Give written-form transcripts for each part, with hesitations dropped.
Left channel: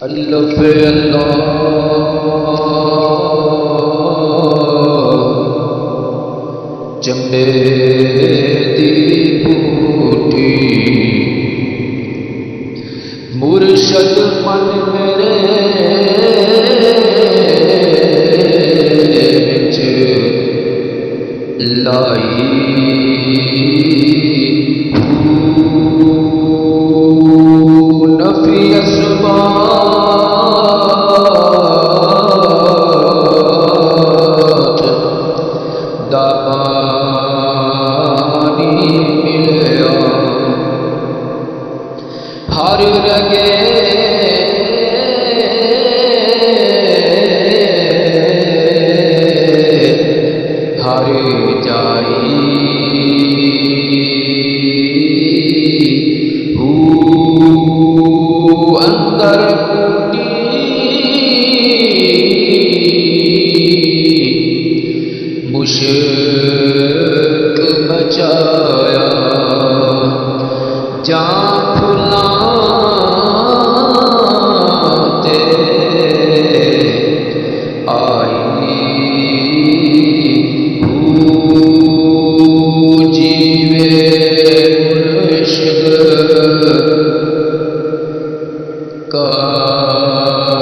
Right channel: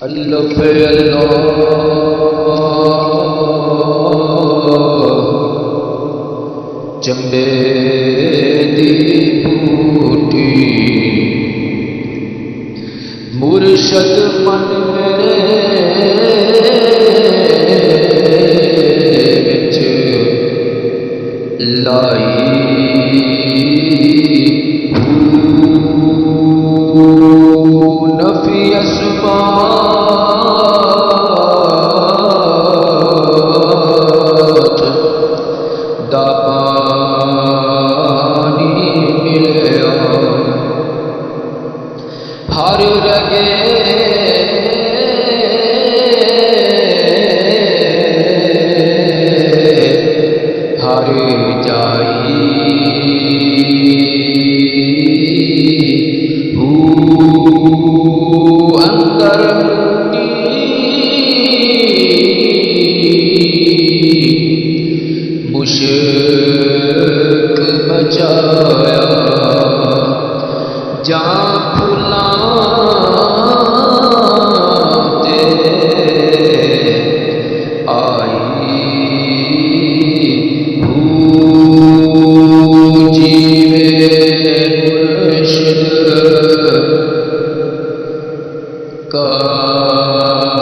اللہ فی اللہ چمبے دی بوٹی مرشد من میرے وچ لائی نفی اسبات دا پانی ملیا ہر رگے ہر جائی اندر مشک بچایا جان پھلاتے آئی جیوے مرشد کامل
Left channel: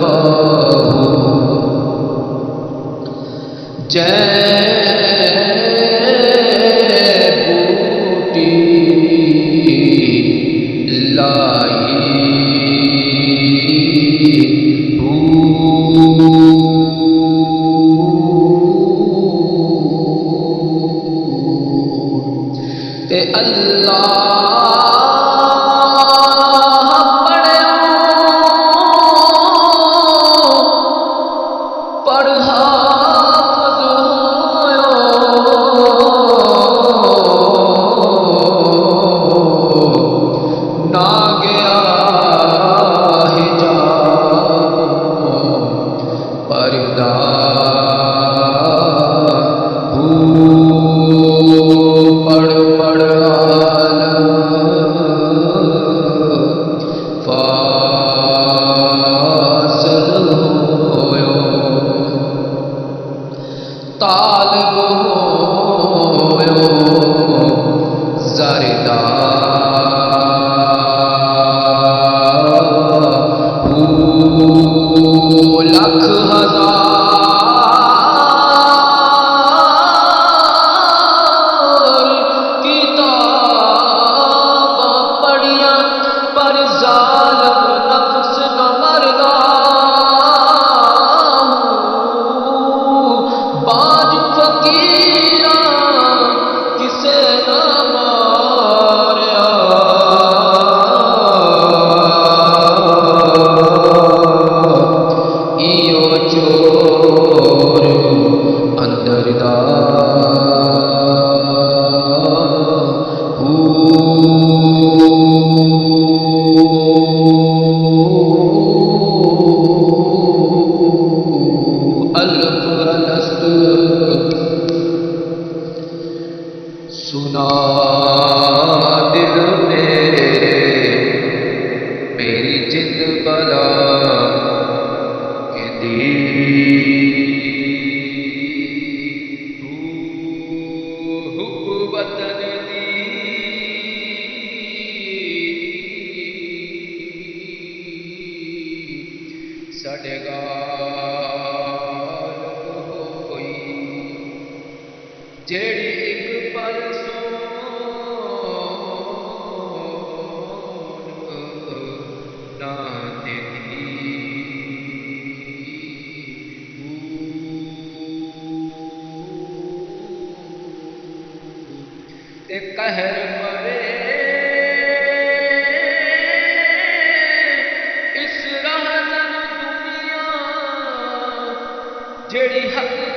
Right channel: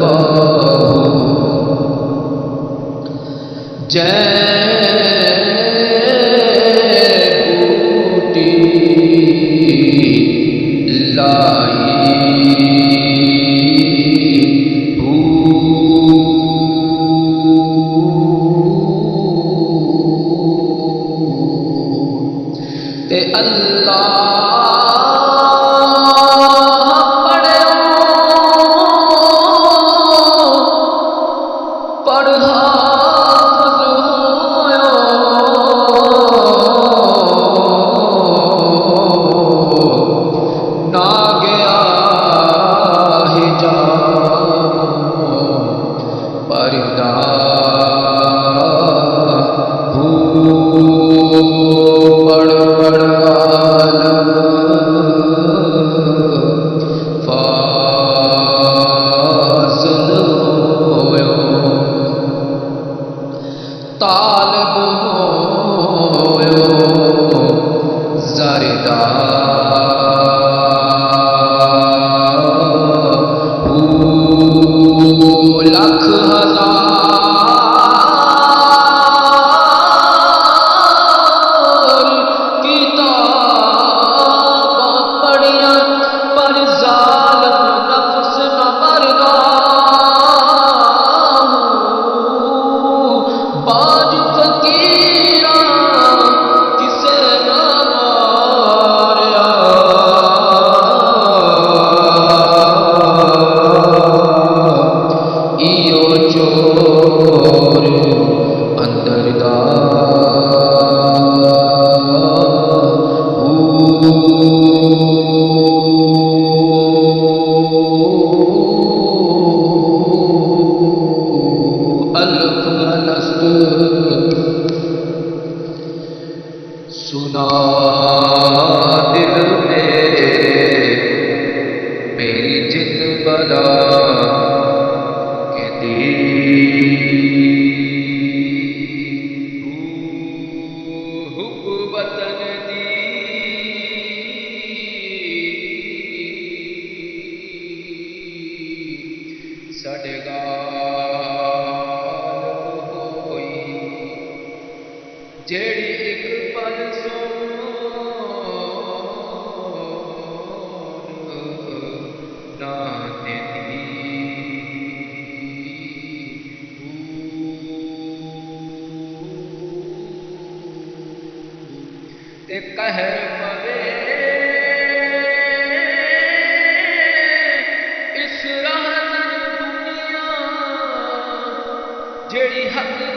باہو جے بوٹی لائی تے اللہ پڑھ پڑھ عالم فاصل ہویو طالب ہویو زردہ لکھ ہزار کتاباں پڑھیاں پر ظالم نفس نہ مردا باج فقیراں کسے نہ ماریا ایو چور اندر دا الف الست سنا دل میری جد بلا کے دی حب وطن دی ساڈے غالب ہوئی جیڑی ایک پل سون نہ دیتی تے قہر پوے اس راہزن دنیا جیڑی حق